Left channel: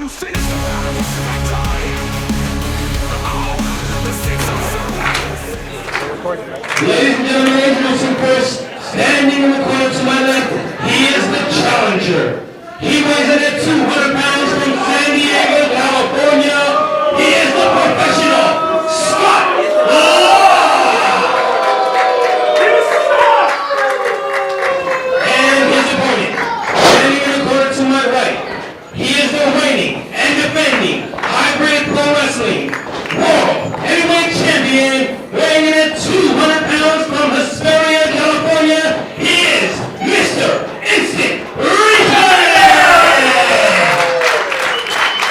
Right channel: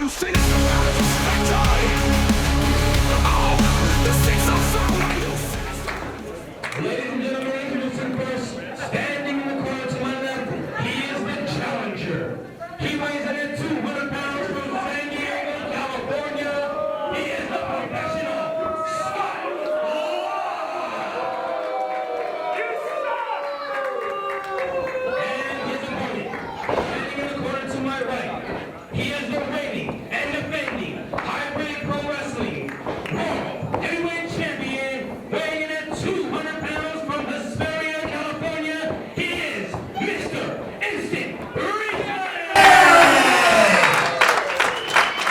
Ladies and gentlemen, standing in the corner to my left, he is the challenger. He weighs in at 200 pounds from San Diego, California. He is the professional Scott And his opponent, standing in the corner to my right, he is the reigning and defending hybrid pro wrestling world heavyweight champion, weighing in at 200 pounds from Hesperia, California. He is Mr. Instant Replay!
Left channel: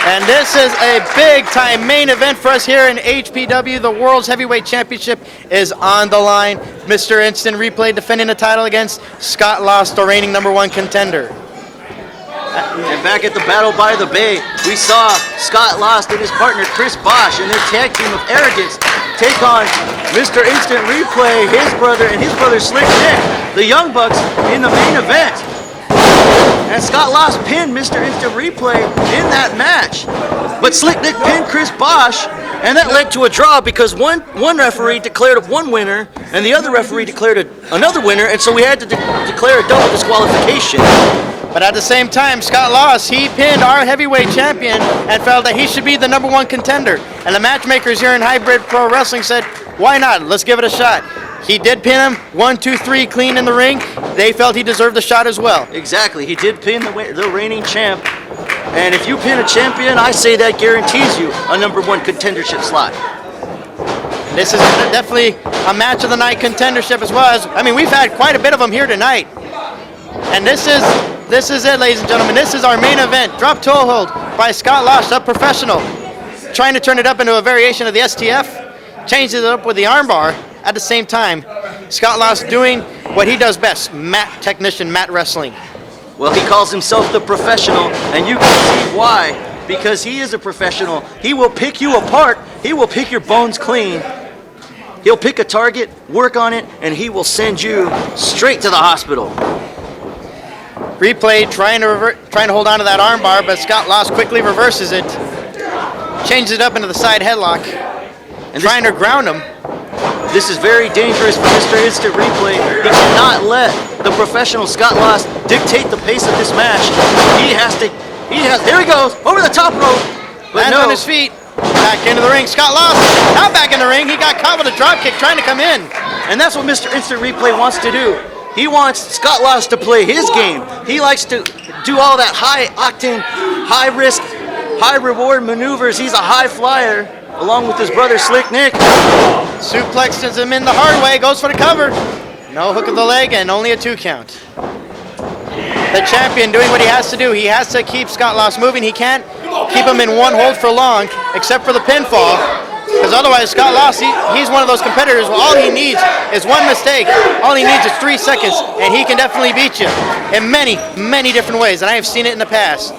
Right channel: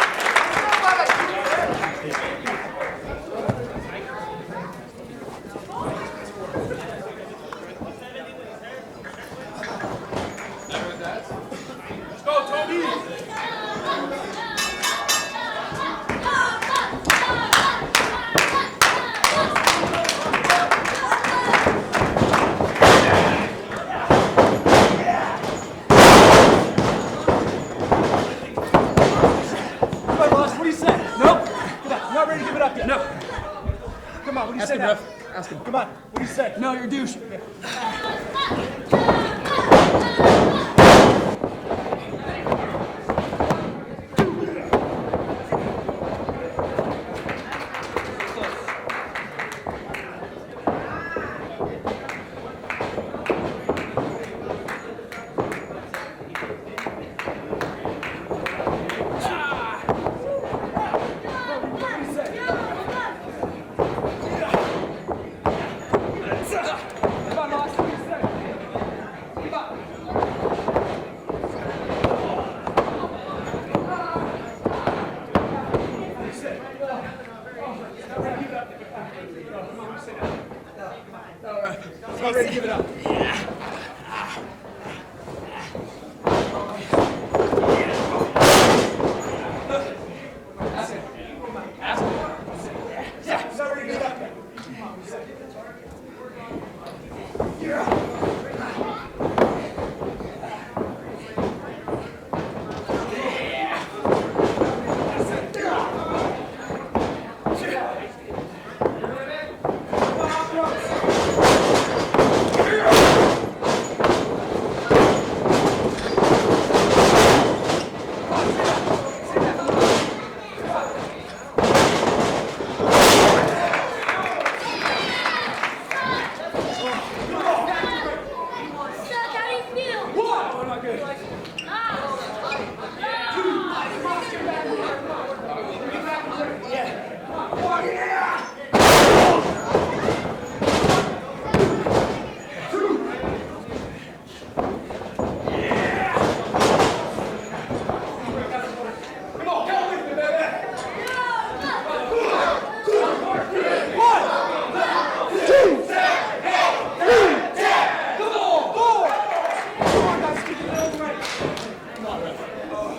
And this is a big-time main event for us here in HPW. The World's Heavyweight Championship is on the line. Mr. Instant Replay defending the title against Scott Lost, the reigning #1 contender. And back at the Battle by the Bay, we saw Scott Lost and his partner Chris Bosch and their tag team of Arrogance take on Mr. Instant Replay, his brother, and his brother Slick Nick, the Young Bucks, in the main event. And Scott Lost pinned Mr. Instant Replay in that match. But Slick Nick pinned Chris Bosch, and that led to a draw because one referee declared one winner, and the other referee declared another winner, and so we had to declare a double disqualification. But at the same time, Scott Lost, he pinned our heavyweight champion and felt that he should be the #1 contender. And the matchmakers here in Hybrid Pro Wrestling said, why not? Let's give it a shot. He did pin him, 1, 2, 3, clean in the ring. They felt he deserved the shot as well. Exactly, he did pin the reigning champ. And if you pin a champion, I say that guarantees you a #1 contendership slot. This is definitely a match of the night contendership as well. We've had quite a bit of them here tonight. And this is it, ladies and gentlemen. This is our main event. Drop toe hold by Scott Lost, a professional. Trying to turn it up into a variation of the STF. Changed it up with the armbar. At the same time, Scott Lost doing what he does best, mat technician, mat wrestling. Well, he calls himself the professional, and you can see why. Because he is a professional. He will pick you apart. He will pick your bones clean. He'll pick a target, work on it, and he will send you straight to the hospital. Replay trying to hold on to that armbar, but Scott Lost quickly reverses it. Changes it up into the side headlock. And trying to ground him. This is very dangerous for Mr. Instant Replay. He cannot let the professional Scott Lost dictate the pace of this match. There he goes, over the top rope. Lands on his feet. Back into the ring. Scott Lost now back in the ring. He got caught with a drop kick trying to come in. And that's what Mr. Instant Replay wants to do. He wants Scott Lost to play his game. He likes to do all that high-octane, high-risk, high-reward maneuvers. He's a high flyer, along with his brother Slick Nick. Suplexes him in the hard way, goes for the cover. No hook of the leg and only a 2 count. The champion doing what he has to do. He has to keep Scott Lost moving. He can't keep him in one hold for long, except for the pinfall. Because otherwise, Scott Lost, he's one of those competitors where all he needs is one mistake. All he needs is 3 seconds, and he can definitely beat you in many, many different ways. And I have seen it in the past.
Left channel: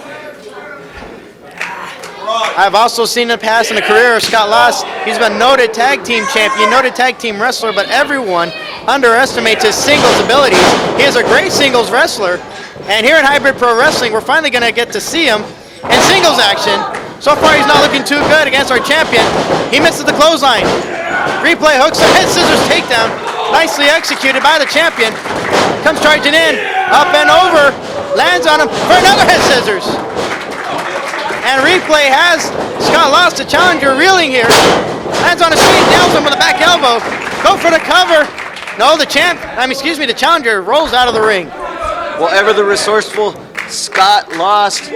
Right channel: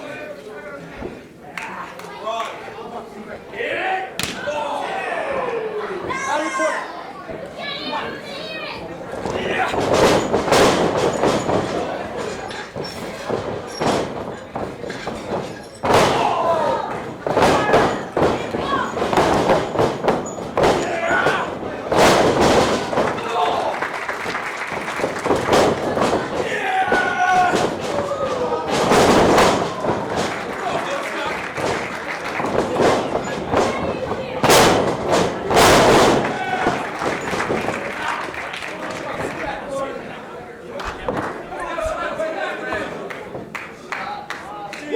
I've also seen in the past in the career of Scott Lost, he's been a noted tag team champion, noted tag team wrestler, but everyone underestimates his singles abilities. He is a great singles wrestler, and here at Hybrid Pro Wrestling, we're finally going to get to see him in singles action. So far, he's not looking too good against our champion. He misses the clothesline. Replay hooks a head scissors takedown, nicely executed by the champion. Comes charging in, up and over, lands on him for another head scissors. And Replay has Scott Lost, the challenger, reeling here. Lands on his feet, nails him with a back elbow. Go for the cover. No, the challenger rolls out of the ring. Well, ever the resourceful Scott Lost.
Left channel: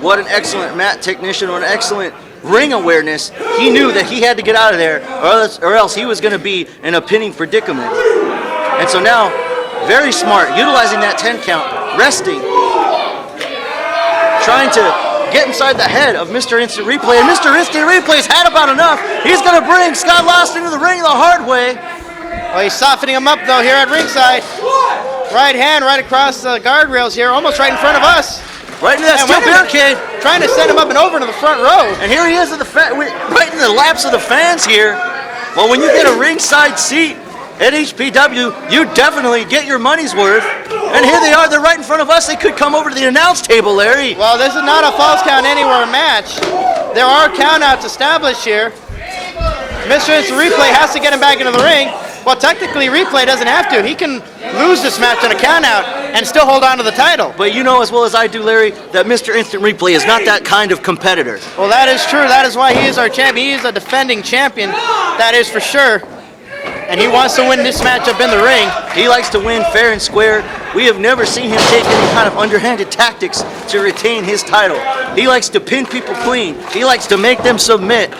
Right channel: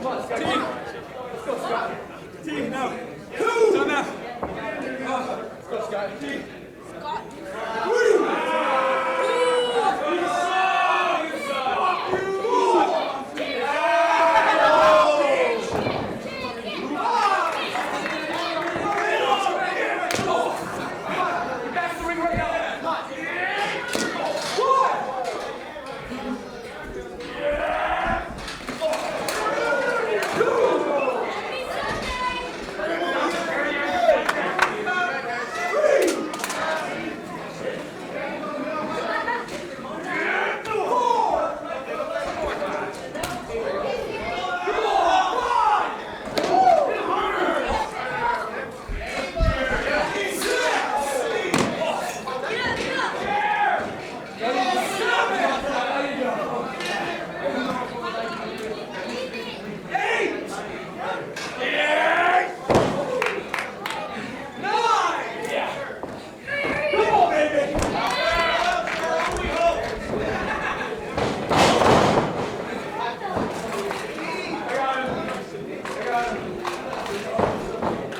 What an excellent mat technician, or an excellent ring awareness. He knew that he had to get out of there, or else he was going to be in a pinning predicament. And so now, very smart, utilizing that 10 count, resting, trying to get inside the head of Mr. Instant Replay, and Mr. Instant Replay's had about enough. He's going to bring Scott Lost into the ring the hard way. Well, he's softening him up, though, here at ringside. Right hand right across the guardrails here, almost right in front of us. Right into that steel barricade. Trying to send him up and over to the front row. And here he is right in the laps of the fans here. Well, when you get a ringside seat, at HPW, you definitely get your money's worth. And here they are, they're right in front of us. They could come over to the announce table, Larry. Well, this is not a false count anywhere match. There are countouts established here. Mr. Instant Replay has to get him back into the ring. Well, technically, Replay doesn't have to. He can lose this match on a countout and still hold on to the title. But you know as well as I do, Larry, that Mr. Instant Replay is not that kind of competitor. Well, that is true. That is why he is our champion. He is a defending champion. That is for sure. And he wants to win this matchup in the ring. He likes to win fair and square. We have never seen him take any kind of underhanded tactics to retain his title. He likes to pin people clean. He likes to make them submit.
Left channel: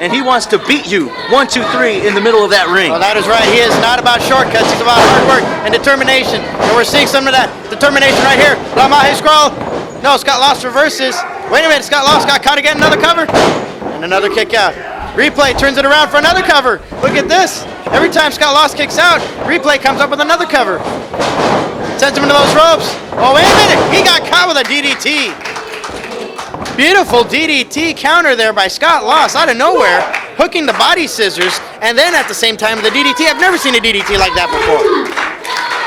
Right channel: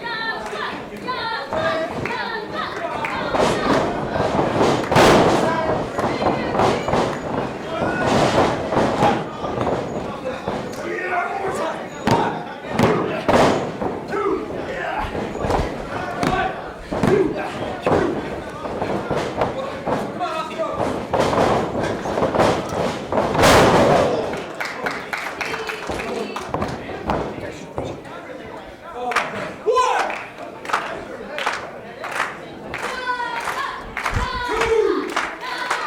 And he wants to beat you 1, 2, 3 in the middle of that ring. Well, that is right. He is not about shortcuts. He's about hard work and determination. And we're seeing some of that determination right here. Lamahe scroll. No, Scott Lost reverses. Wait a minute. Scott Lost got caught again. Another cover. And another kick out. Replay turns it around for another cover. Look at this. Every time Scott Lost kicks out, Replay comes up with another cover. Sends him into those ropes. Oh, wait a minute. He got caught with a DDT. Beautiful DDT counter there by Scott Lost out of nowhere, hooking the body scissors, and then at the same time the DDT. I've never seen a DDT like that before.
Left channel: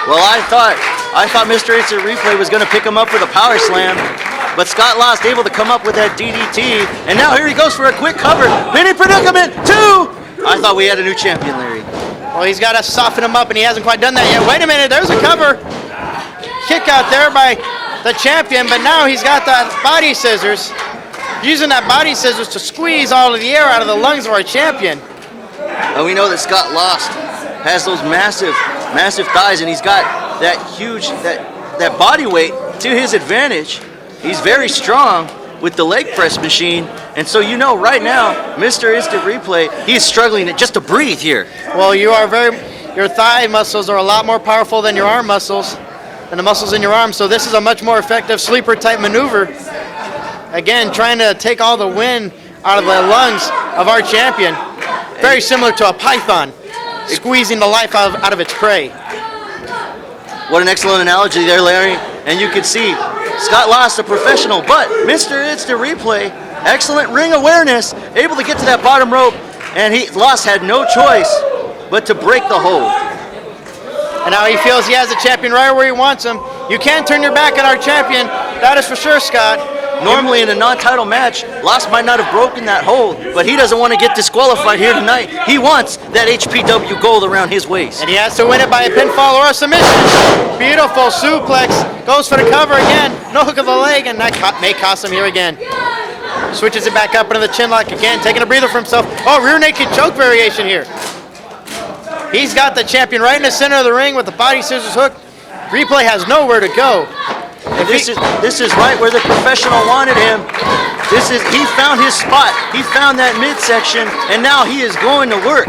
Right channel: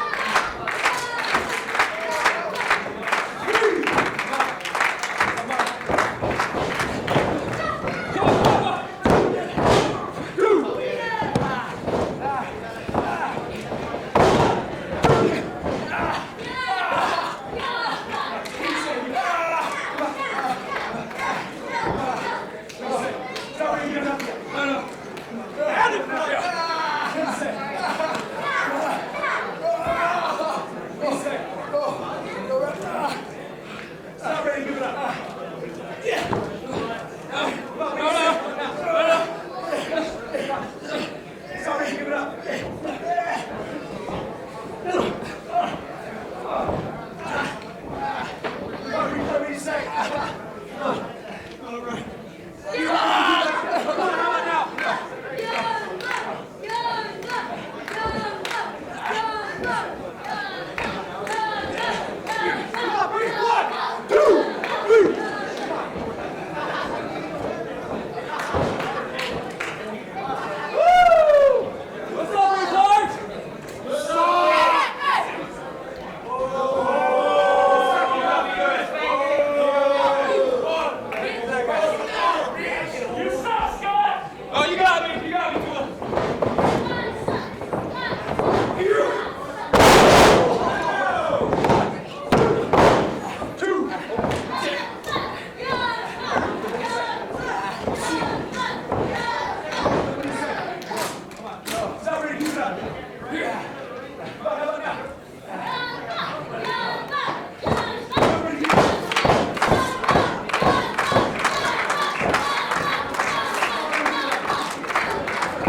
Well, I thought Mr. Instant Replay was going to pick him up with a power slam, but Scott Lost able to come up with that DDT, and now here he goes for a quick cover. Mini predicament, 2! I thought we had a new champion, Larry. Well, he's got to soften him up, and he hasn't quite done that yet. Wait a minute, there's a cover. Kick out there by the champion, but now he's got the body scissors, using that body scissors to squeeze all of the air out of the lungs of our champion. And we know that Scott Lost has those massive thighs, and he's got that huge, that body weight to his advantage. He's very strong with the leg press machine, and so you know right now, Mr. Instant Replay, he's struggling just to breathe here. Well, your thigh muscles are a lot more powerful than your arm muscles, than the muscles in your arm, so this is a much more effective sleeper type maneuver. Again, trying to take all the wind out of the lungs of our champion. Very similar to a python squeezing the life out of its prey. What an excellent analogy there, Larry. And you can see Scott Lost, a professional, but Mr. Instant Replay, excellent ring awareness, able to get to that bottom rope, and Lost had no choice but to break the hold. And now he feels he has the champion right where he wants him. You can't turn your back on our champion. That is for sure, Scott. Normally in a non-title match, Lost might not have broken that hold, but he doesn't want to get disqualified here tonight. He wants that HPW gold around his waist. And he has to win it by a pinfall or a submission. Beautiful suplex. Goes for the cover again. No hook of the leg, and that may cost him here again. Switches it back up into the chin lock again, taking a breather for himself. Oh, rear naked choke variation here. He's got the champion right in the center of the ring with the body scissors hook. Replay has nowhere to go. This is right where the professional wanted him. He found his spot. He found that midsection, and now he is going to work.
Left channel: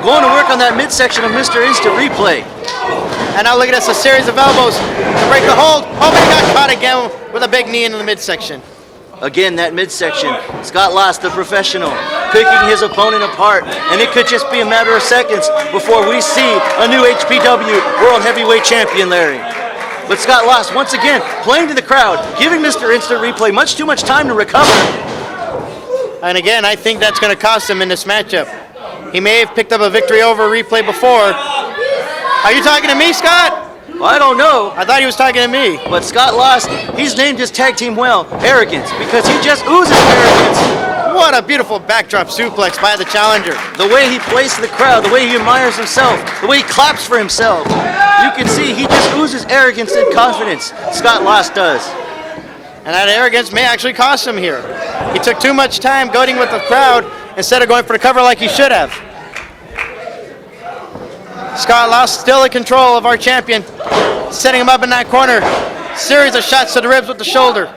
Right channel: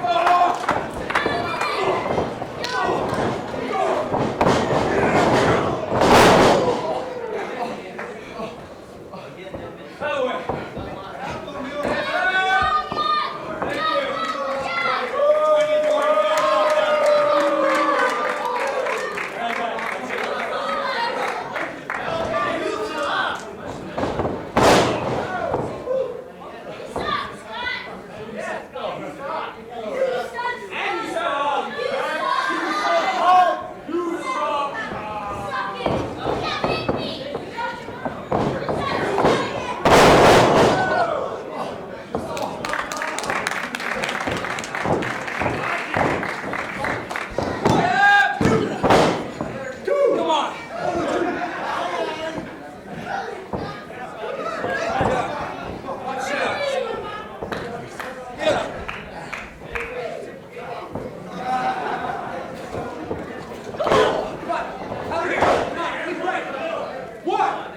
Going to work on that midsection of Mr. Instant Replay. And now look at this, a series of elbows to break the hold. Oh, but he got caught again with a big knee into the midsection. Again, that midsection. Scott Lost, the professional, picking his opponent apart, and it could just be a matter of seconds before we see a new HPW World Heavyweight Champion, Larry. But Scott Lost, once again, playing to the crowd, giving Mr. Instant Replay much too much time to recover. And again, I think that's going to cost him in this matchup. He may have picked up a victory over Replay before. Are you talking to me, Scott? I don't know. I thought he was talking to me. But Scott Lost, he's named his tag team well, Arrogance, because he just oozes arrogance. What a beautiful backdrop suplex by the challenger. The way he plays to the crowd, the way he admires himself, the way he claps for himself. You can see he just oozes arrogance and confidence. Scott Lost does. And that arrogance may actually cost him here. He took too much time goading with the crowd instead of going for the cover like he should have. Scott Lost still in control of our champion, setting him up in that corner. Series of shots to the ribs with the shoulder.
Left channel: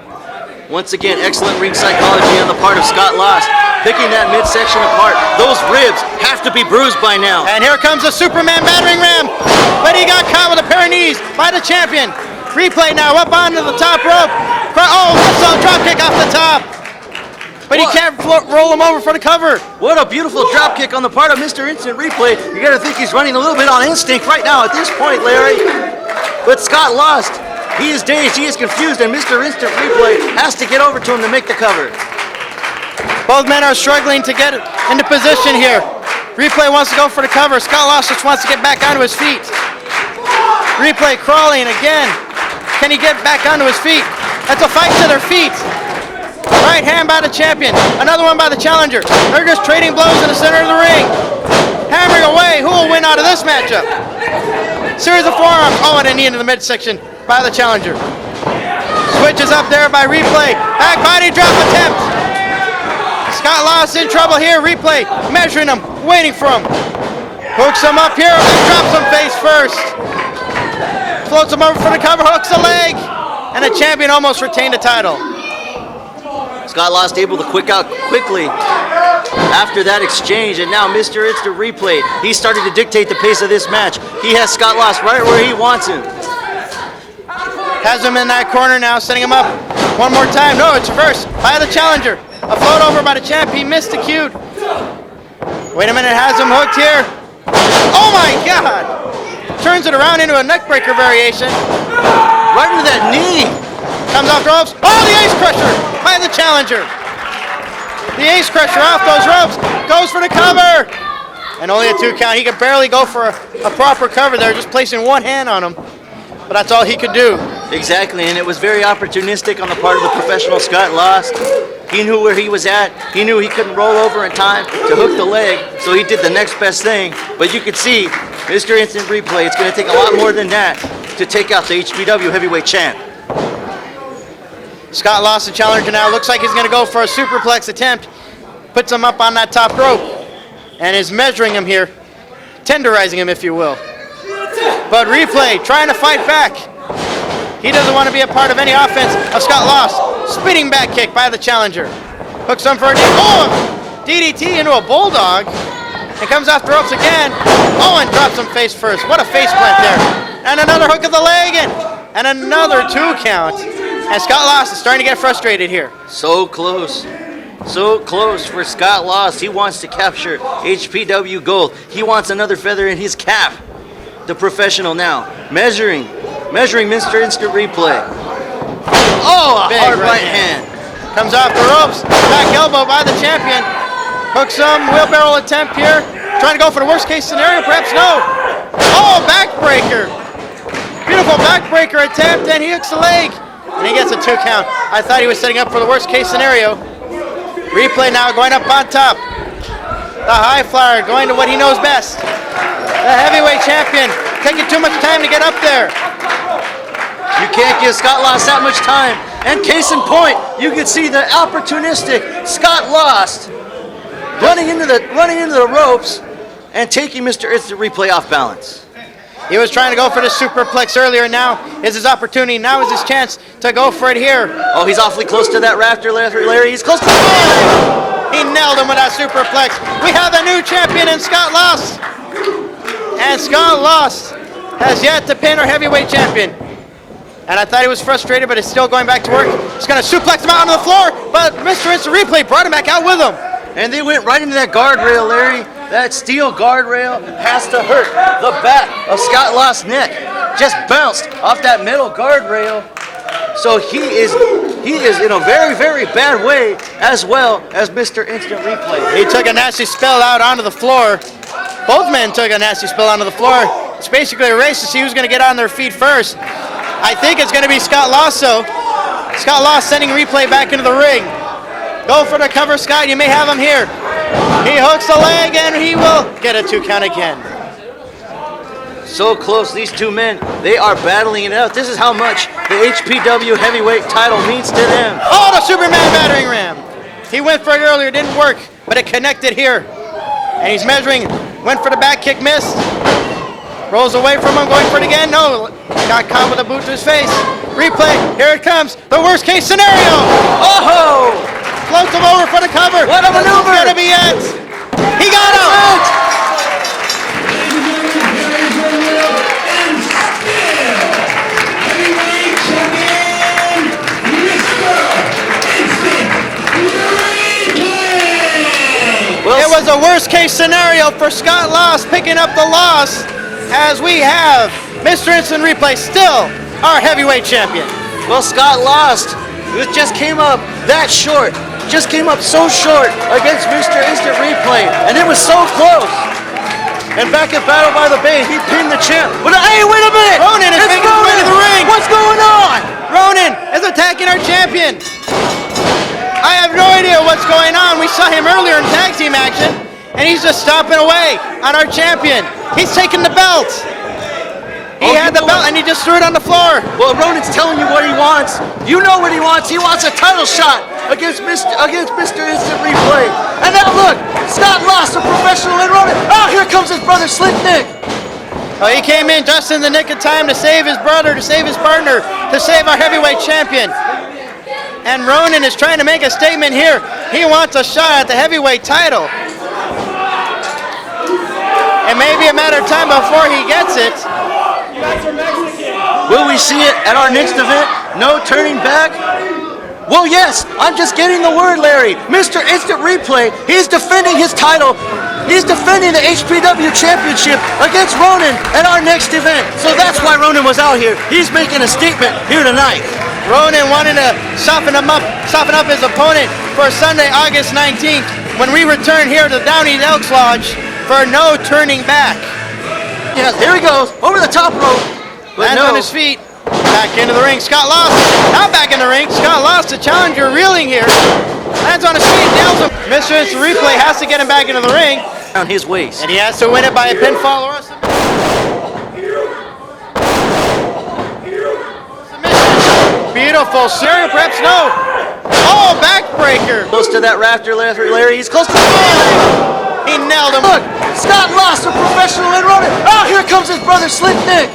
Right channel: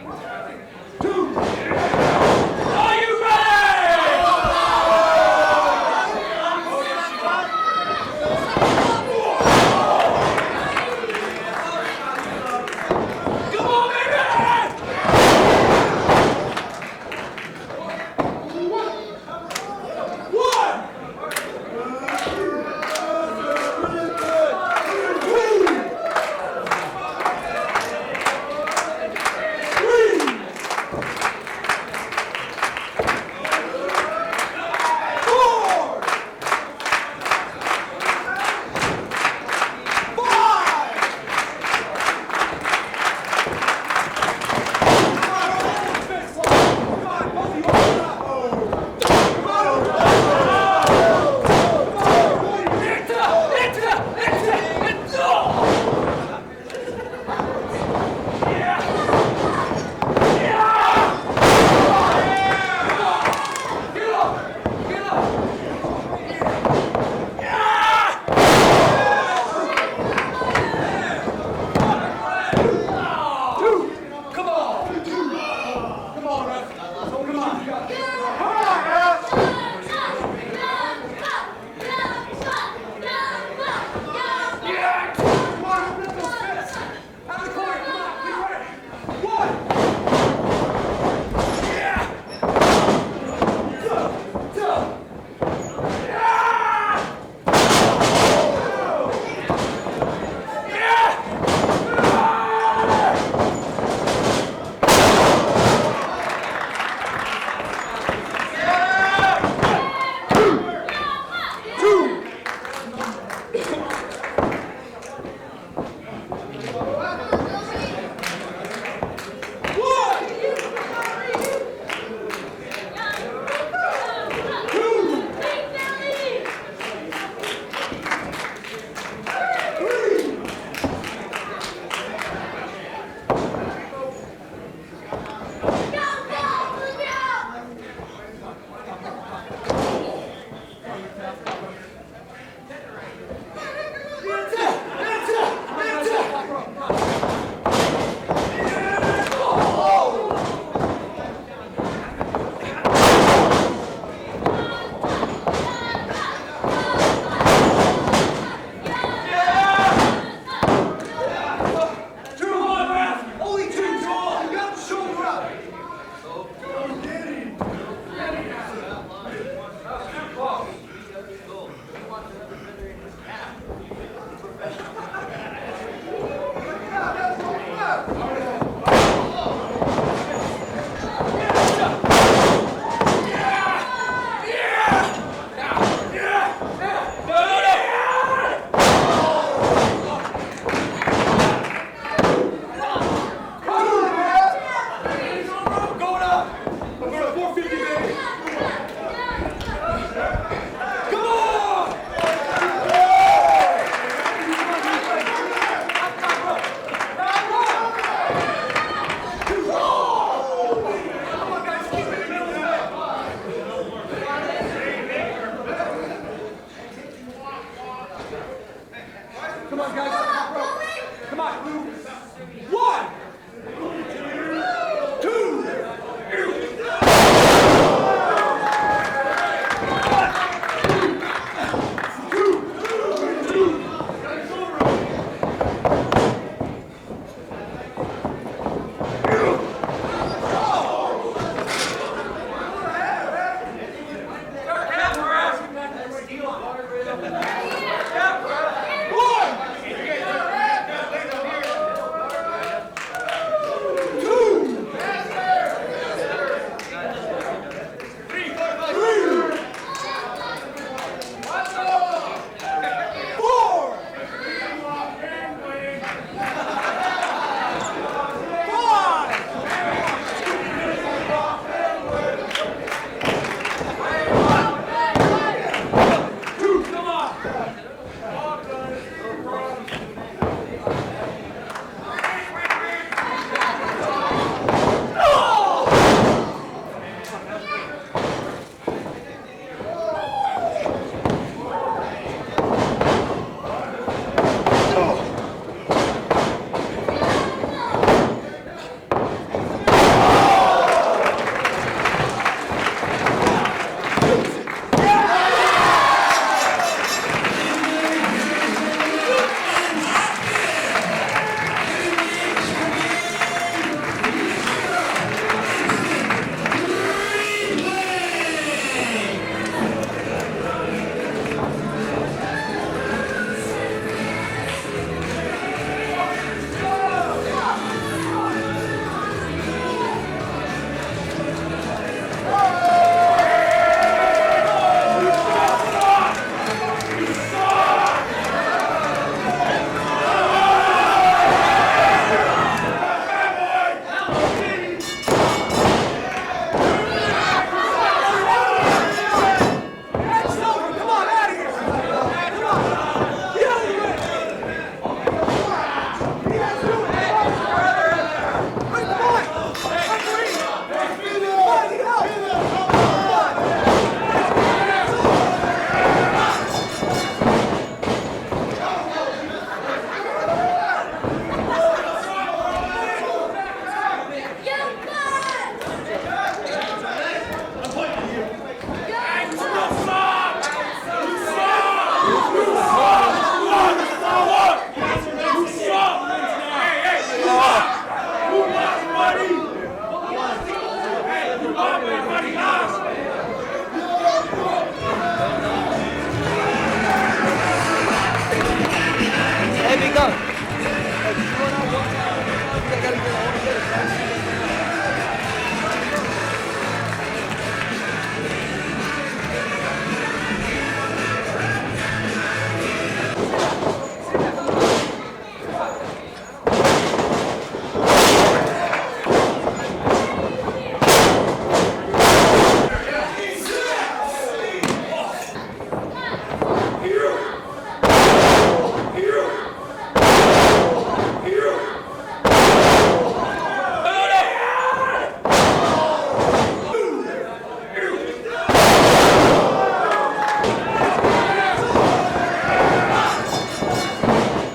Once again, excellent ring psychology on the part of Scott Lost, picking that midsection apart. Those ribs have to be bruised by now. And here comes a Superman battering ram, but he got caught with a pair of knees by the champion. Replay now up onto the top rope. Oh, that's a drop kick off the top. But he can't roll him over for the cover. What a beautiful drop kick on the part of Mr. Instant Replay. You gotta think he's running a little bit on instinct right now at this point, Larry. But Scott Lost, he is dazed, he is confused, and Mr. Instant Replay has to get over to him to make the cover. Both men are struggling to get into position here. Replay wants to go for the cover. Scott Lost just wants to get back onto his feet. Replay crawling again. Can he get back onto his feet? That's a fight to their feet. Right hand by the champion. Another one by the challenger. They're just trading blows in the center of the ring. Hammering away. Who will win out of this matchup? Series of forearms. Oh, and a knee into the midsection by the challenger. Switches up there by Replay. Back body drop attempt. Scott Lost in trouble here. Replay measuring him, waiting for him. Hooks him up here, drops him face first. Floats him over for the cover, hooks a leg. And the champion almost retained the title. Scott Lost able to quick out quickly after that exchange, and now Mr. Instant Replay, he started to dictate the pace of this match. He has Scott Lost right where he wants him. Has him in that corner now, setting him up one more time. No, it's reversed by the challenger. A float over by the champ, he missed the cue. Wait a minute, has him hooked here. Oh my God! Turns it around into a neckbreaker variation. Right into that knee. Comes off the ropes. Oh, the ace crusher by the challenger. The ace crusher off those ropes. Goes for the cover. And only a 2 count. He could barely go for a proper cover there, just placing one hand on him. But that's all he could do. Exactly, and it was very opportunistic on the part of the professional Scott Lost. He knew where he was at. He knew he couldn't roll over in time to hook the leg, so he did the next best thing. But you could see, Mr. Instant Replay, it's going to take a lot more than that to take out the HPW heavyweight champ. Scott Lost, the challenger now. Looks like he's going to go for a superplex attempt. Puts him up on that top rope and is measuring him here, tenderizing him, if you will. But Replay trying to fight back. He doesn't want to be a part of any offense of Scott Lost. Spinning back kick by the challenger. Hooks him for a DDT into a bulldog. And comes off the ropes again. Oh, and drops him face first. What a face plant there. And another hook of the leg and another 2 count. And Scott Lost is starting to get frustrated here. So close. So close for Scott Lost. He wants to capture HPW gold. He wants another feather in his cap. The professional now. Measuring Mr. Instant Replay. Oh, a Big hard right hand. Comes off the ropes. Back elbow by the champion. Hooks him. Wheelbarrow attempt here. Trying to go for the worst case scenario. Perhaps no. Oh, backbreaker. Beautiful backbreaker attempt. And he hooks the leg. And he gets a 2 count. I thought he was setting up for the worst case scenario. Replay now going up on top. The high flyer going to what he knows best. The heavyweight champion taking too much time to get up there. You can't give Scott Lost that much time. And case in point, you can see the opportunistic Scott Lost running into the ropes and taking Mr. Instant Replay off balance. He was trying to go for the superplex earlier. Now is his opportunity. Now is his chance to go for it here. Oh, he's awfully close to that rafter, Larry. He's close to it. He nailed him with that superplex. We have a new champion in Scott Lost. And Scott Lost has yet to pin our heavyweight champion. And I thought he was frustrated, but he's still going back to work. He's going to suplex him out on the floor, but Mr. Instant Replay brought him back out with him. And they went right into that guardrail, Larry. That steel guardrail has to hurt the back of Scott Lost's neck. Just bounced off that metal guardrail. So he is in a very, very bad way, as well as Mr. Instant Replay. He took a nasty spell out onto the floor. Both men took a nasty spell onto the floor. It's basically a race to see who's going to get on their feet first. I think it's going to be Scott Lost, so Scott Lost sending Replay back into the ring. Go for the cover, Scott. You may have him here. He hooks the leg, and he will get a 2 count again. So close, these two men, they are battling it out. This is how much the HPW heavyweight title means to them. Oh, the Superman battering ram. He went for it earlier, didn't work, but it connected here. And he's measuring, went for the back kick, missed. Rolls away from him, going for it again. No, got caught with a boot to his face. Replay, here it comes. The worst case scenario. Oh! Floats him over for the cover. What a maneuver! It's gonna be it. He got out. It was a worst case scenario for Scott Lost picking up the loss, as we have Mr. Instant Replay still our heavyweight champion. Well, Scott Lost, who just came up that short just came up so short against Mr. Instant Replay, and it was so close. And back at Battle by the Bay, he pinned the champ. But hey, wait a minute! Ronin is making his way to the ring. What's going on? Ronin is attacking our champion. I have no idea what's going on. We saw him earlier in tag team action, and he's just stomping away on our champion. He's taking the belt. He had the belt and he just threw it on the floor. Well, Ronin's telling you what he wants. You know what he wants. He wants a title shot against Mr. Instant Replay. And now look, Scott lost a professional and Ronin. Oh, here comes his brother, Slick Nick. Oh, he came in just in the nick of time to save his brother, to save his partner, to save our heavyweight champion. And Ronin is trying to make a statement here. He wants a shot at the heavyweight title. It may be a matter of time before he gets it. Will we see it at our next event? No turning back? Well, yes, I'm just getting the word, Larry. Mr. Instant Replay, he's defending his title. He's defending the HPW Championship against Ronin at our next event. So that's why Ronin was out here. He's making a statement here tonight. Ronin wanted to soften up his opponent for Sunday, August 19th, when we return here to Downey's Elks Lodge for no turning back. Yeah, there he goes, over the top rope. Lands on his feet, back into the ring. Scott lost, now back in the ring. Scott lost, the challenger reeling here. Lands on his feet, nails him. Mr. Instant Replay has to get him back into the ring. On his waist. And he has to win it by a pinfall or a beautiful suplex, no. Oh, backbreaker. Close to that rafter, Larry. He's close to the wall. He nailed him. Look, Scott lost a professional and Ronin. Oh, here comes his brother, Slick Nick.